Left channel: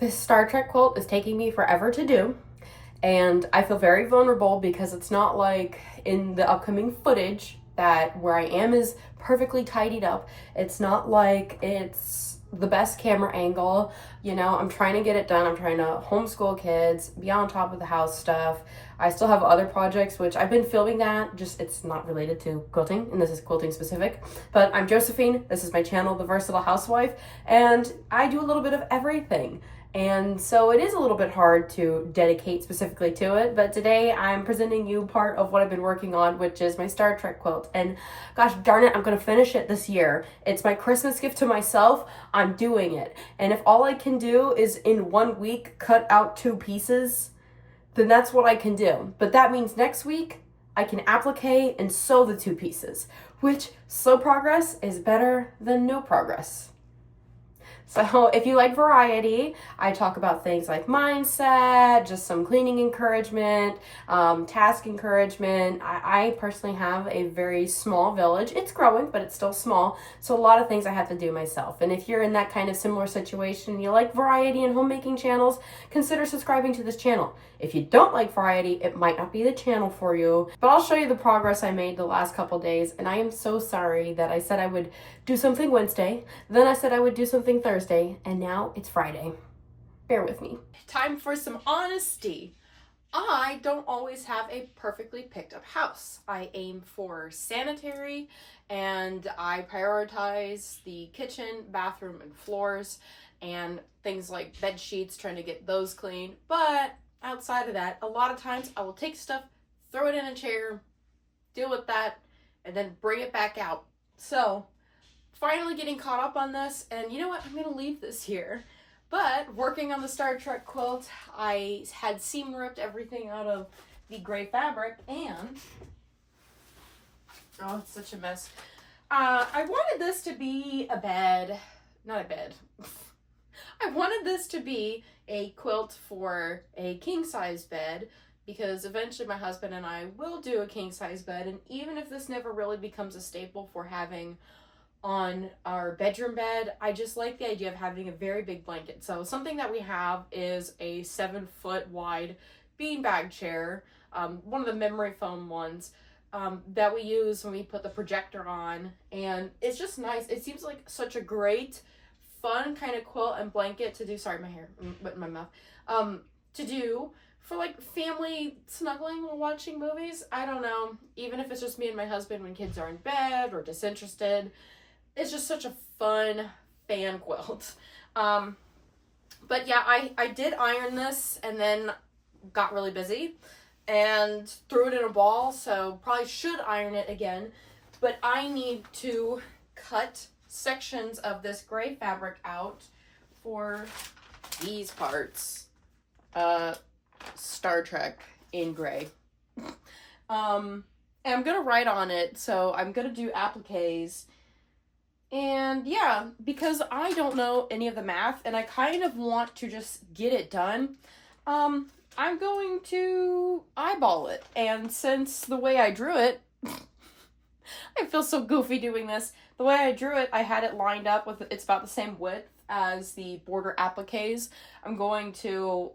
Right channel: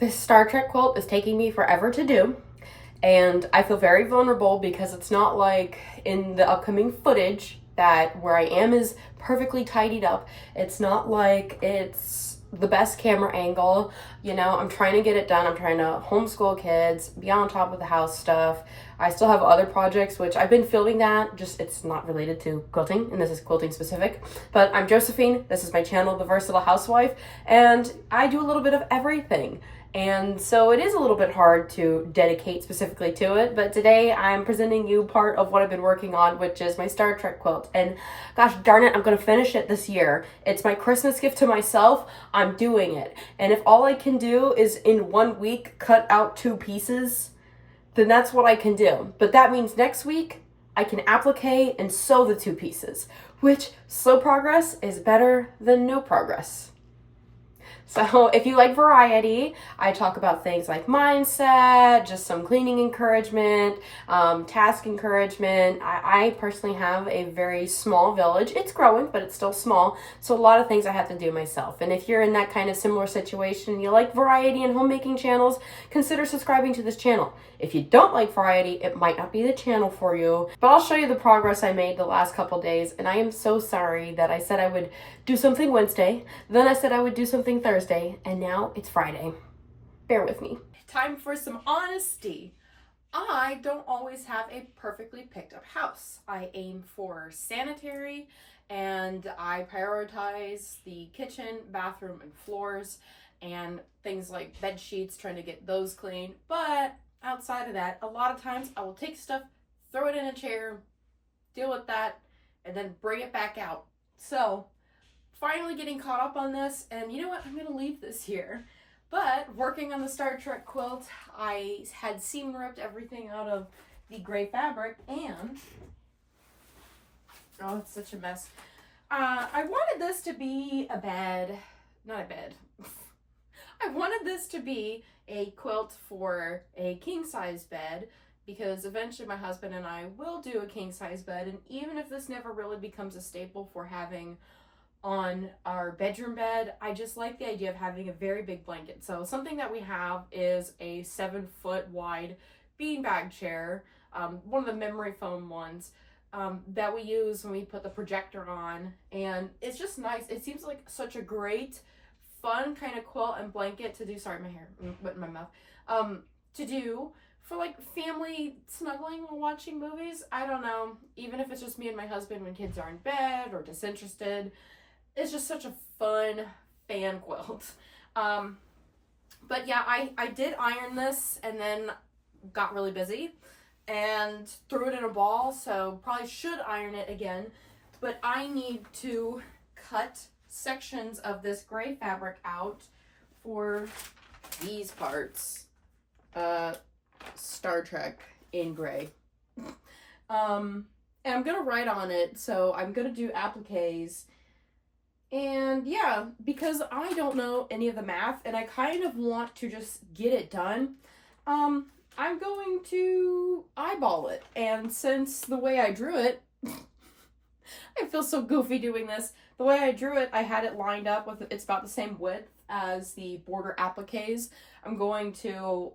This Star Trek quilt is taking me forever to do, and I feel very vulnerable because it's not like in the upcoming footage that where I am is perfectly tidied up. It's not like it's the best camera angle. You know, I'm trying to get it done. I'm trying to homeschool kids, be on top of the house stuff. I still have other projects, which I've been filming that, just it's not related to quilting, and this is quilting specific. But I'm Josephine, this is my channel, The Versatile Housewife, and I do a little bit of everything. And so it is a little bit hard to dedicate specifically to it, but today I'm presenting you part of what I've been working on, which is my Star Trek quilt. And gosh darn it, I'm gonna finish it this year. It's my Christmas gift to myself. I'm doing it. And if all I can do is in 1 week cut out 2 pieces, then that's what I can do. But that means next week I can applique and sew the 2 pieces, which slow progress is better than no progress. So if you like variety, I talk about things like mindset, just some cleaning encouragement, task encouragement. I personally have a very small village. It's growing, but it's still small. So a lot of things I have to do myself. And if you're in that kind of similar situation, you like variety and homemaking channels, consider subscribing to this channel. If you don't like variety, it might not be the channel for you, but I'll show you the progress I made the last couple days. And I am so sorry that I said I would do something Wednesday, then I said I would do something Thursday, and now it's Friday. Bear with me. Time for some honesty. I don't always have a perfectly picked up house. I aim for sanitary, and I prioritize the kitchen, bathroom, and floors, and things like bed sheets, trying to get those clean. But outside of that, a lot of times I will take stuff, throw it in a chair, deal with that, and then bring it back out. So finally getting caught up on this, and you know what, I'm gonna leave this here. But working on the Star Trek quilt, I had seam ripped everything out of the gray fabric, and oh, it's such a mess. I wanted this to be a bed, not a bed. I wanted this to be a quilt for a king-size bed, because eventually my husband and I will do a king-size bed, and even if this never really becomes a staple for having on our bedroom bed, I just like the idea of having a very big blanket. So something that we have is a 7-foot wide beanbag chair, one of the memory foam ones, that we use when we put the projector on, and it's just nice. It seems like such a great fun kind of quilt and blanket to do, sorry, my hair went in my mouth, to do for like family snuggling while watching movies. I don't know, even if it's just me and my husband when kids are in bed or disinterested. It's just such a fun fan quilt. But yeah, I did iron this and then got really busy and threw it in a ball, so probably should iron it again. But I need to cut sections of this gray fabric out for these parts. Star Trek in gray. And I'm gonna write on it, so I'm gonna do appliques. And yeah, because I don't know any of the math and I kind of want to just get it done, I'm going to eyeball it. And since the way I drew it, I feel so goofy doing this. The way I drew it, I had it lined up with, it's about the same width as the border appliques. I'm going to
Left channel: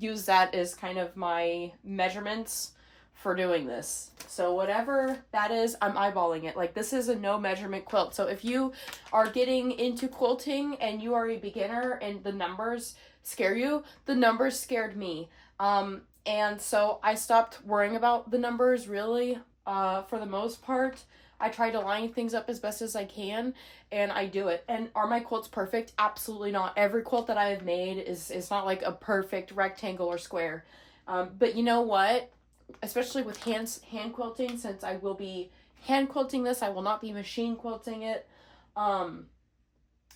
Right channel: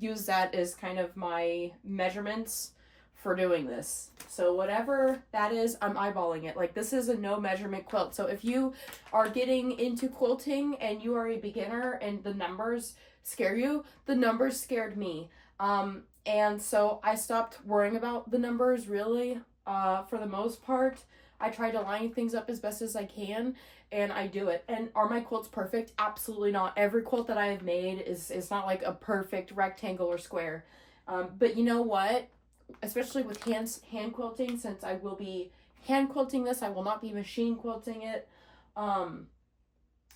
use that as kind of my measurements for doing this. So whatever that is, I'm eyeballing it. Like, this is a no measurement quilt. So if you are getting into quilting and you are a beginner and the numbers scare you, the numbers scared me. And so I stopped worrying about the numbers really, for the most part. I try to line things up as best as I can, and I do it. And are my quilts perfect? Absolutely not. Every quilt that I have made is not like a perfect rectangle or square. But you know what? Especially with hand quilting, since I will be hand quilting this, I will not be machine quilting it.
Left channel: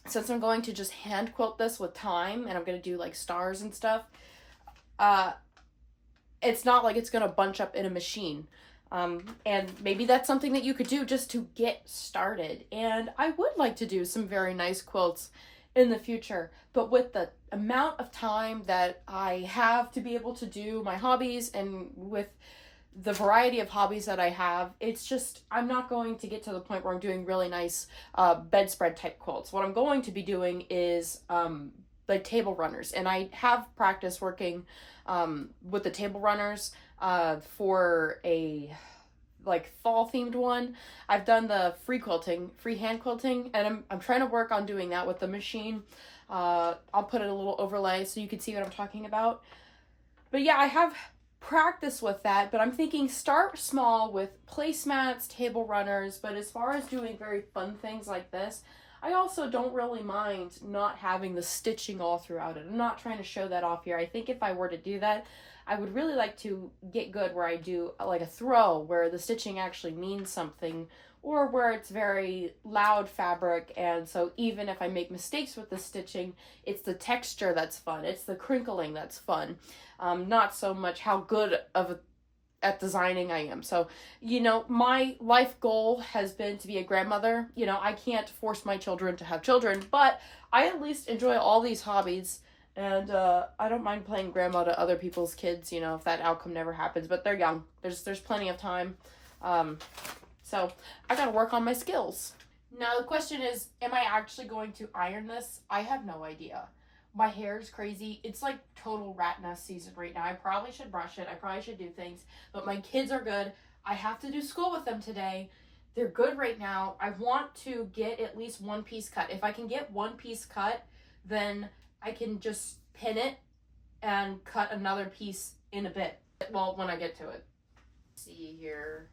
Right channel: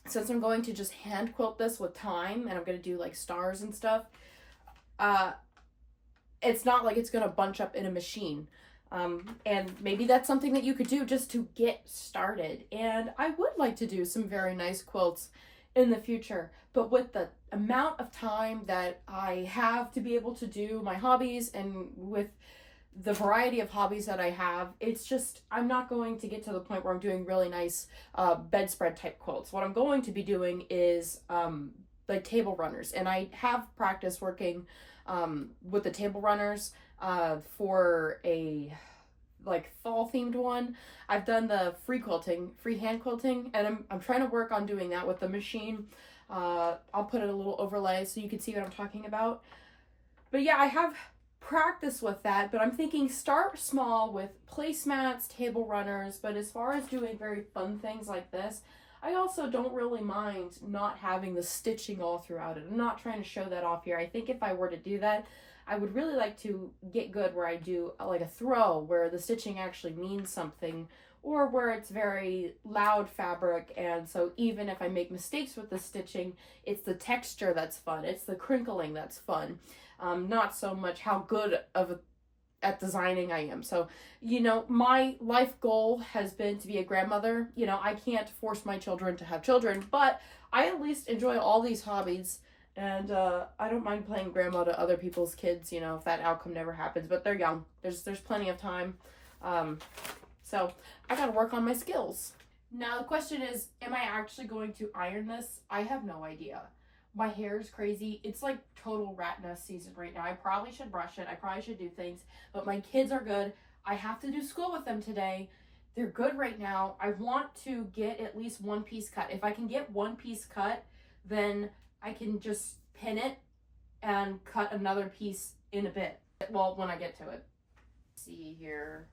Since I'm going to just hand quilt this with time, and I'm going to do like stars and stuff, it's not like it's going to bunch up in a machine. And maybe that's something that you could do just to get started. And I would like to do some very nice quilts in the future, but with the amount of time that I have to be able to do my hobbies, and with the variety of hobbies that I have, it's just, I'm not going to get to the point where I'm doing really nice bedspread type quilts. What I'm going to be doing is like table runners, and I have practiced working with the table runners for a like fall themed one. I've done the free hand quilting, and I'm trying to work on doing that with the machine. I'll put in a little overlay so you can see what I'm talking about. But yeah, I have practice with that, but I'm thinking start small with placemats, table runners. But as far as doing very fun things like this, I also don't really mind not having the stitching all throughout it. I'm not trying to show that off here. I think if I were to do that, I would really like to get good where I do like a throw where the stitching actually means something, or where it's very loud fabric, and so even if I make mistakes with the stitching, it's the texture that's fun, it's the crinkling that's fun, not so much how good at designing I am. So, you know, my life goal has been to be a grandmother. You know, I can't force my children to have children, but I at least enjoy all these hobbies, and I don't mind playing grandma to other people's kids, you know, if that outcome never happens, but they're young. There's plenty of time. So I gotta work on my skills. Now the question is, am I actually going to iron this? I have no idea. My hair is crazy. It's like total rat nest season right now. I probably should brush it. I probably should do things, but my kids are good. I have to do school with them today. They're good right now. I want to get at least one piece cut. If I can get one piece cut, then I can just pin it and cut another piece in a bit. Well, when I get to it. Let's see here.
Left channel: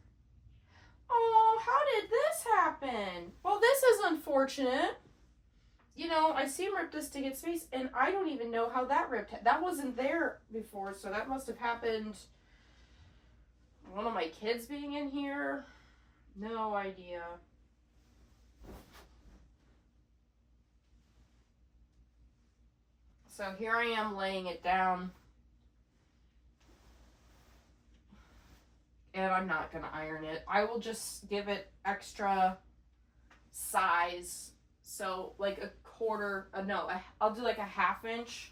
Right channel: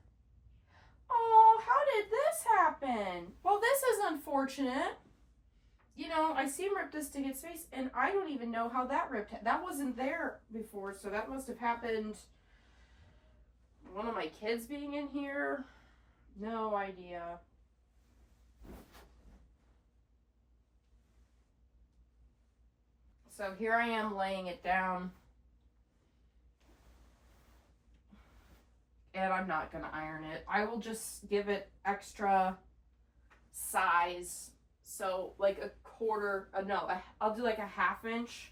Oh, how did this happen? Well, this is unfortunate. You know, I see him rip this to get space, and I don't even know how that ripped. That wasn't there before, so that must have happened. One of my kids being in here. No idea. So here I am laying it down. And I'm not going to iron it. I will just give it extra size. So like a quarter, I'll do like a 1/2 inch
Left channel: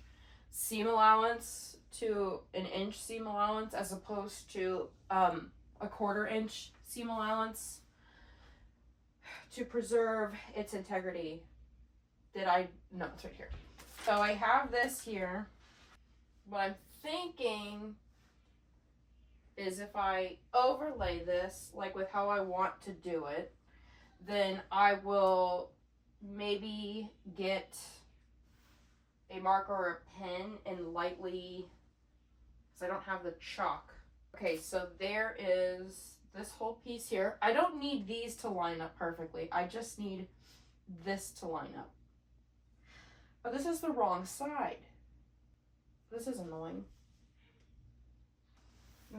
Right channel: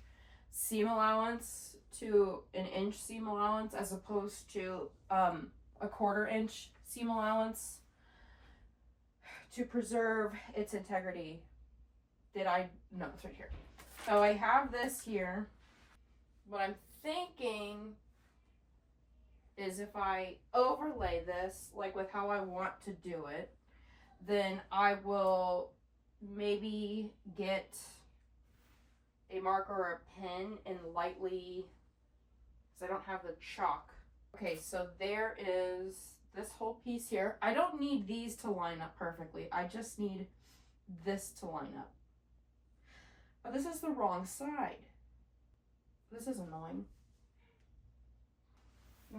seam allowance to an inch seam allowance, as opposed to a 1/4 inch seam allowance, to preserve its integrity. No, it's right here. So I have this here. What I'm thinking is if I overlay this, like with how I want to do it, then I will maybe get a marker or a pen and lightly, because I don't have the chalk. Okay, so there is this whole piece here. I don't need these to line up perfectly. I just need this to line up. But this is the wrong side. This is annoying.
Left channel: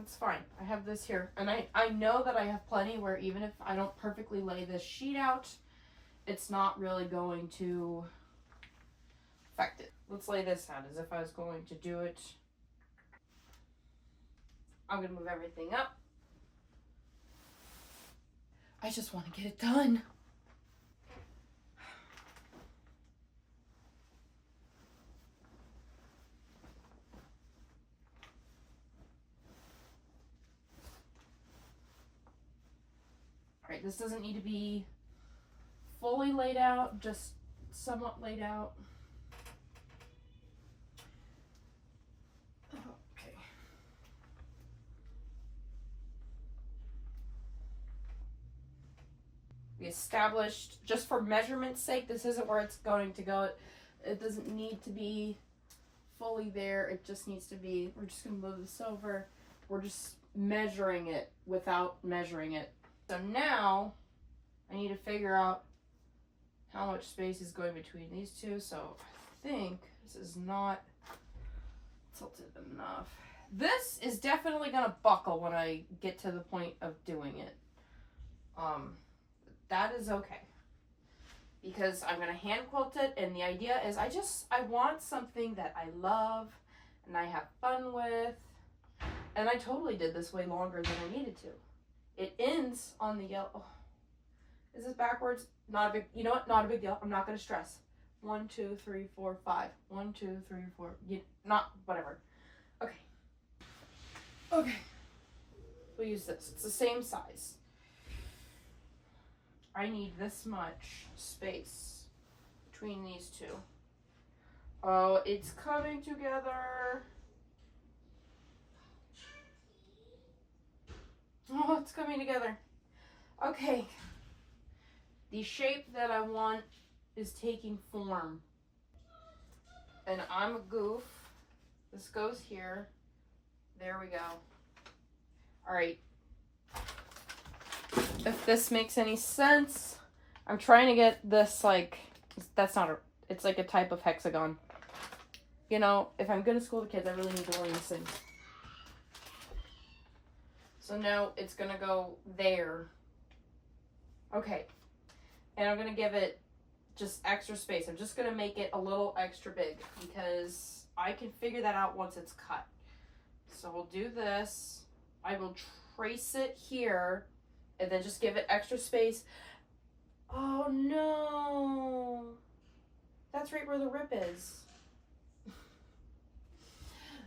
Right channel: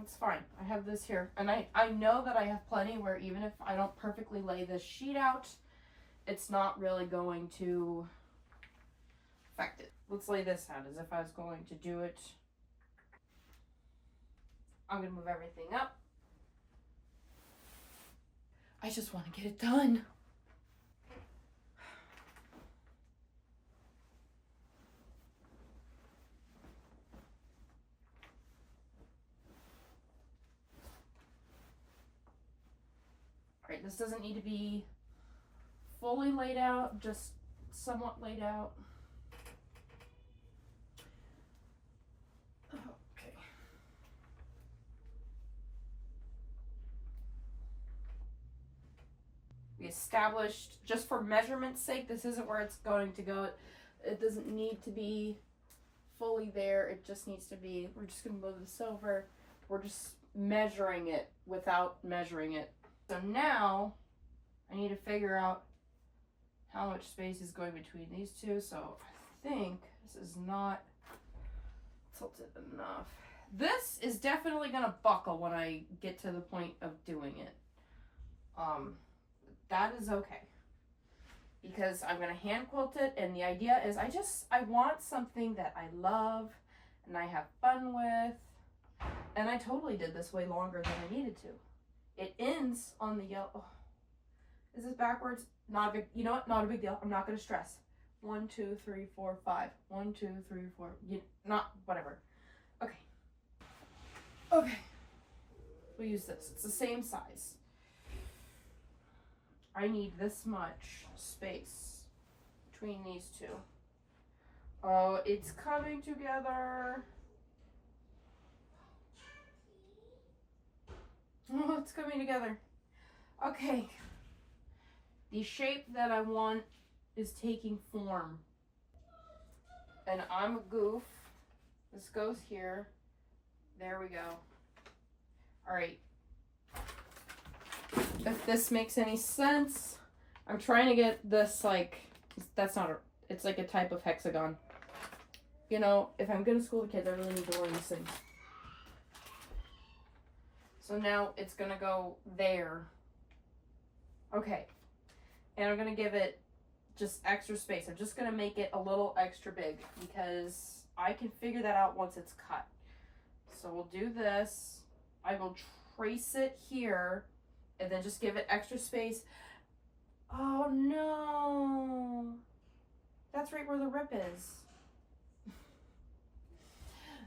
It's fine. I have this here. And I know that I have plenty where even if I don't perfectly lay this sheet out, it's not really going to affect it. Let's lay this out as if I was going to do it. I'm going to move everything up. I just want to get it done. Alright, this doesn't need to be fully laid out, just somewhat laid out. Okay. We established, just for measurement's sake, this isn't where it's going to go. It doesn't need to be fully there. It just needs to be, we're just going to move this over. We're just measuring it without measuring it. So now I need to figure out how much space is going between these two. So I think this is not tilted enough. This is definitely going to buckle when I get to the point of doing it. That is okay, because I'm going to hand quilt it, and the idea is I want something that I love and I have fun with. And I totally did this way longer than I needed to. It ends on the yellow. Oh, is this backwards? Not a big, you know what? Not a big deal. I'm not going to stress. 1, 2, 3, 4, 5. 1, 2, 3, 4. Whatever. Okay. Okay. We'll use this. It's the same size. I need this much space between these two. Oh, it's coming together. Oh, it's coming together. Okay. The shape that I want is taking form. And I'm a goof. This goes here. There we go. All right. If this makes any sense, I'm trying to get this like, that's not a, it's like a type of hexagon. You know, if I'm gonna school the kids, I really need to learn these things. So now it's gonna go there. Okay. And I'm gonna give it just extra space. I'm just gonna make it a little extra big because I can figure that out once it's cut. So we'll do this. I will trace it here and then just give it extra space. Oh no. That's right where the rip is.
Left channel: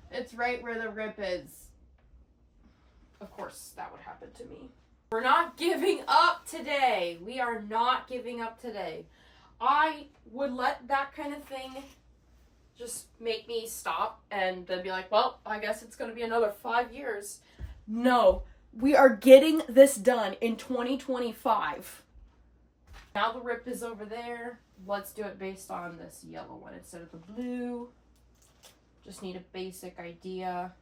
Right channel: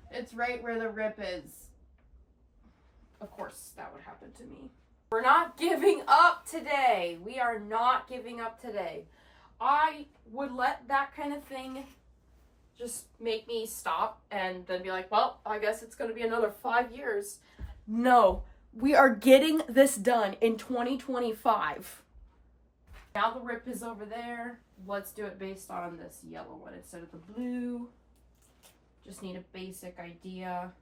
It's right where the rip is. Of course, that would happen to me. We're not giving up today. We are not giving up today. I would let that kind of thing just make me stop and then be like, well, I guess it's going to be another 5 years. No, we are getting this done in 2025. Now the rip is over there. Let's do it based on this yellow one instead of the blue. Just need a basic idea.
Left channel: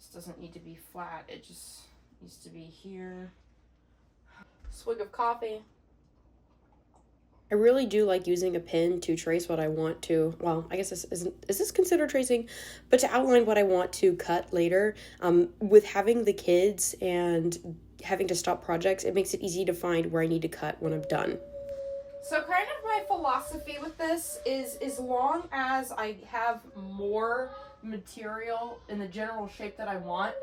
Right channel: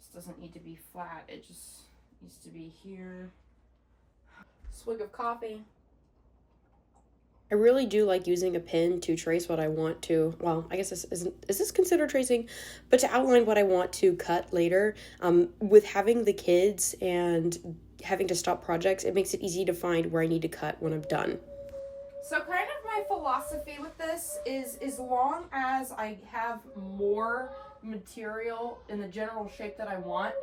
This doesn't need to be flat. It just needs to be here. Swig of coffee. I really do like using a pen to trace what I want to, well, I guess is this considered tracing? But to outline what I want to cut later. With having the kids and having to stop projects, it makes it easy to find where I need to cut when I'm done. So kind of my philosophy with this is as long as I have more material in the general shape that I want,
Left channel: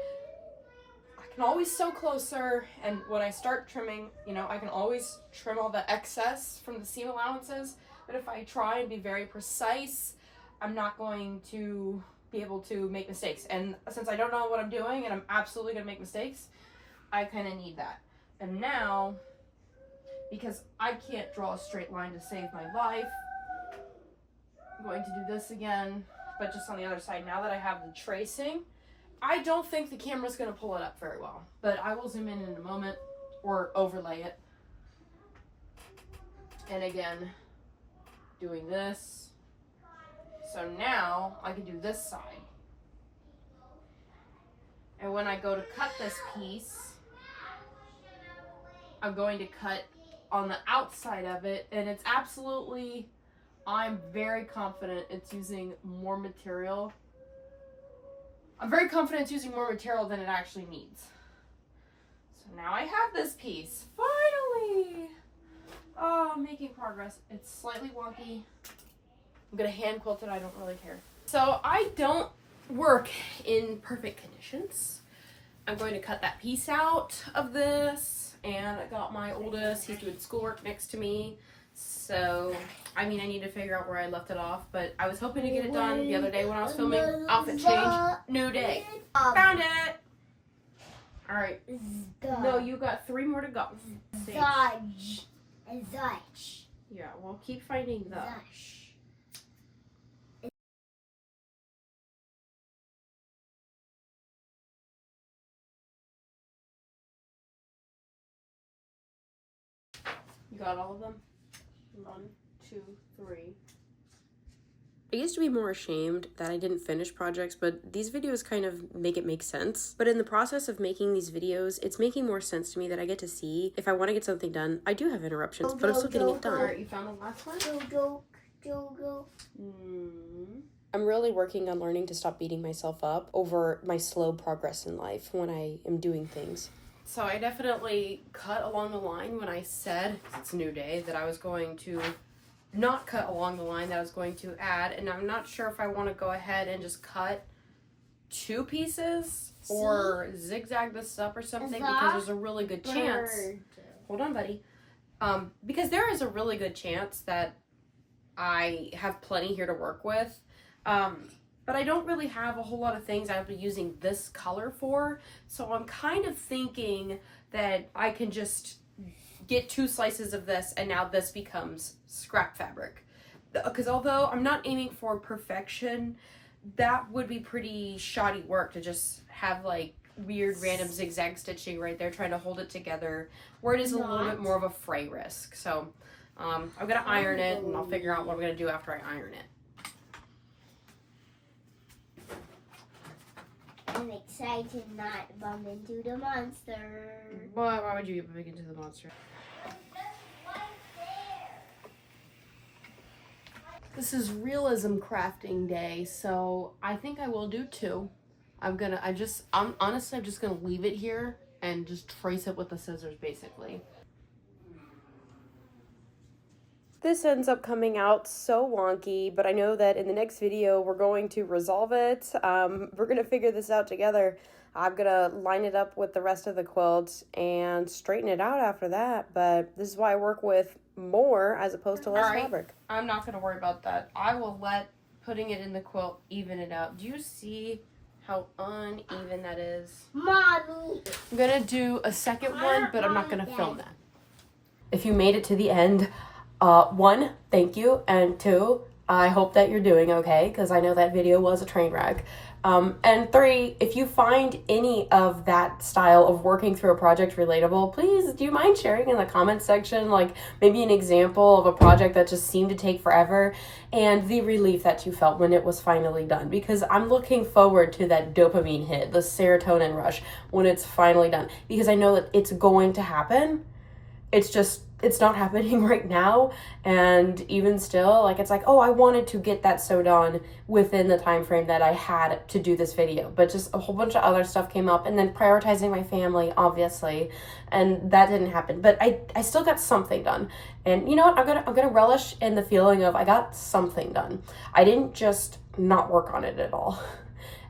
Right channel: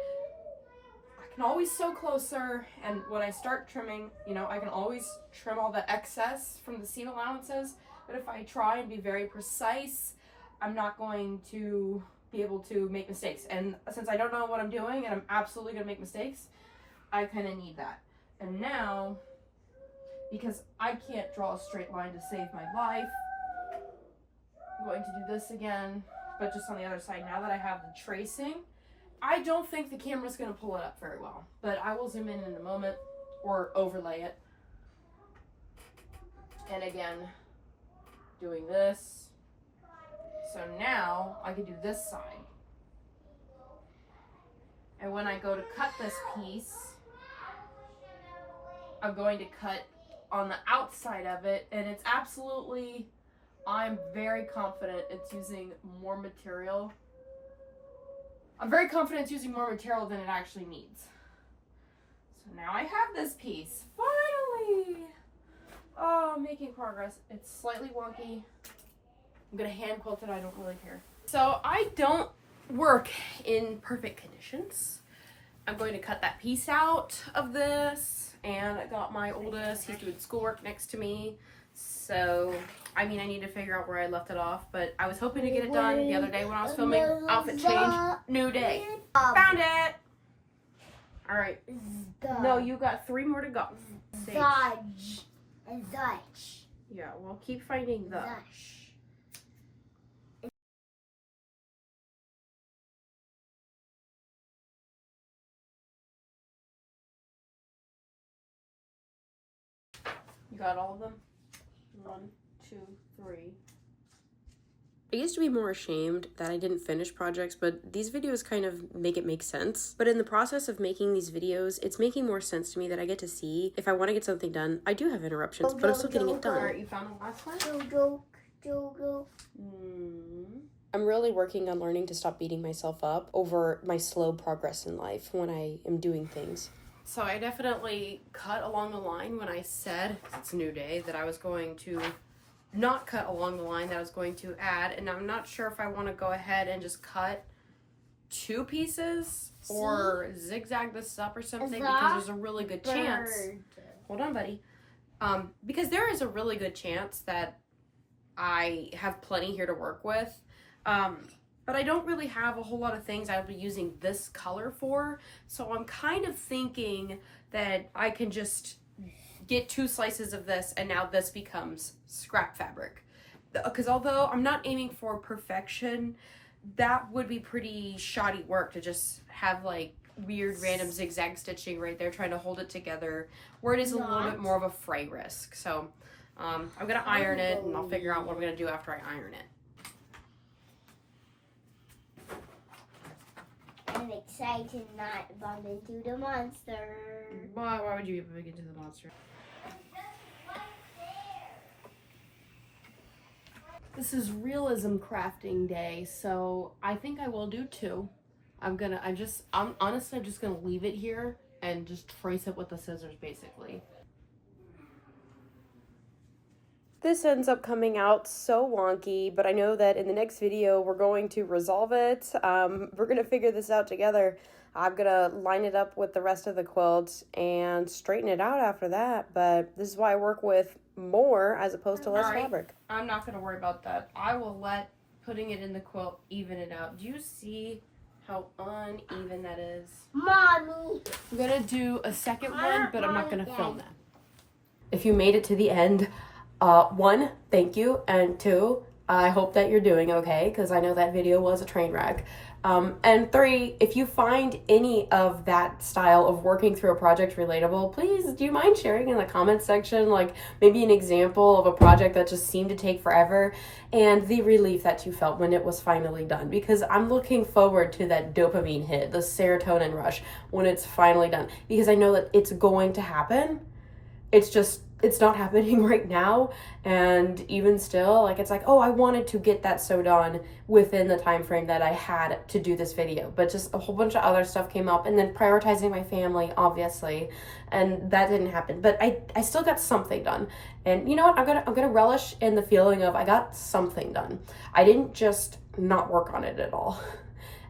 I can always sew closer, and when I start trimming, you know, I can always trim all the excess from the seam allowances. But if I try and be very precise, I'm not going to be able to make mistakes. And since I don't know what I'm doing and I'm absolutely going to make mistakes, I kind of need that. And now, because I can't draw a straight line to save my life, I'm going to do this again, but just on the other side. Now that I have the tracing, I don't think the camera's going to pull it up very well, but I will zoom in a moment or overlay it. And again, doing this. So now I can do this side. And when I go to cut this piece, I'm going to cut on the outside of it, and it's absolutely, I'm very confident it's using more material. I'm very confident it's using more material than it actually needs. So now I have this piece, finally. Oh, I'm making progress. It's slightly wonky. I'm gonna hand quilt it, I don't really care. So I don't work in perfect conditions. I'm going to cut that piece out of this, and I got my oldest, he's doing schoolwork next to me. So, I mean, I need to figure out where I left it off, but I was hoping to get it done the other day when I was filming outfit change. New day. Found it! Alright. No, you got 3 more to go. Zudge. Zudge. Yeah, we'll keep finding the. Zush. You got all of them? 1, 2, 3. I used to be more ashamed that I didn't finish projects, but these videos kind of make it make sense. But in the process of making these videos, it's making more sense to me that I get to see if I want to get something done. I do have interruptions, but I'm still getting it done. Alright, you found the last one? Jojo. I'm really working on learning to stop beating myself up over my slow progress in life when I am doing things. So I definitely cut along the line when I said, it's a new day, that I was going to not cut along the line that I was going to add, and I'm not sure if I want to go ahead and just cut 2 pieces or zigzag this up or something, because there's a really good chance. Hold on, buddy. Because there is a really good chance that I have plenty here to work with. But I don't really have a whole lot of things I'll be using this color for. So I'm kind of thinking that I can just get 2 slices of this, and now this becomes scrap fabric. because although I'm not aiming for perfection, that would be pretty shoddy work to just have like weird random zigzag stitching right there trying to hold it together, where it is a little bit more of a fray risk. So I'm gonna iron it, and I'll figure out what I'm gonna do after I iron it. I'm excited not bump into the monster. Why would you bump into the monster? This is realism crafting day, so I think I will do 2. I'm honestly just gonna leave it here and just trace it with the scissors basically. This ends up coming out so wonky, but I know that in the next video we're going to resolve it. We're gonna figure this out together. I'm gonna line it up with the rest of the quilt and straighten it out after that, but this is why I work with more as opposed to less fabric. I'm not gonna worry about that. I will let putting it in the quilt even it out. Do you see how uneven that is? Mommy! I'm gonna do a second one, but I'm not gonna film that. If you made it to the end, 1, thank you, and 2, I hope that you're doing okay, because I know that video was a train wreck. And 3, if you find any of that style of working through a project relatable, please, do you mind sharing in the comments section, like maybe an example of a project that just seemed to take forever and the relief that you felt when it was finally done? Because I'm looking forward to that dopamine hit, the serotonin rush, when it's finally done, because I know that it's going to happen. It's not happening right now, and even still, like, it's like, oh, I wanted to get that sewed on within the time frame that I had to do this video, but just a whole bunch of other stuff came up, and then prioritizing my family, obviously, and that didn't happen. But I still got something done, and you know what? I'm gonna relish in the feeling of I got something done. I didn't just not work on it at all.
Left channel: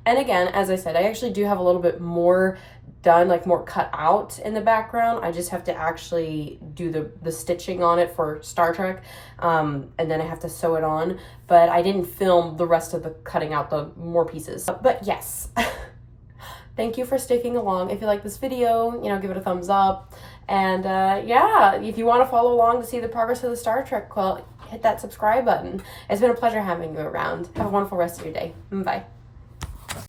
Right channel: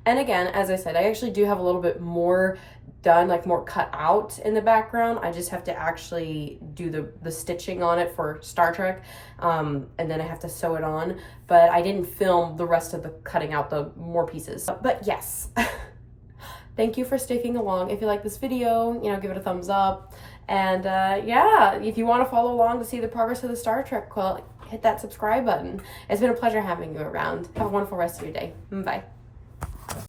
And again, as I said, I actually do have a little bit more done, like more cut out in the background. I just have to actually do the stitching on it for Star Trek, and then I have to sew it on. But I didn't film the rest of the cutting out the more pieces. But yes, thank you for sticking along. If you like this video, you know, give it a thumbs up. And yeah, if you want to follow along to see the progress of the Star Trek quilt, hit that subscribe button. It's been a pleasure having you around. Have a wonderful rest of your day. Bye.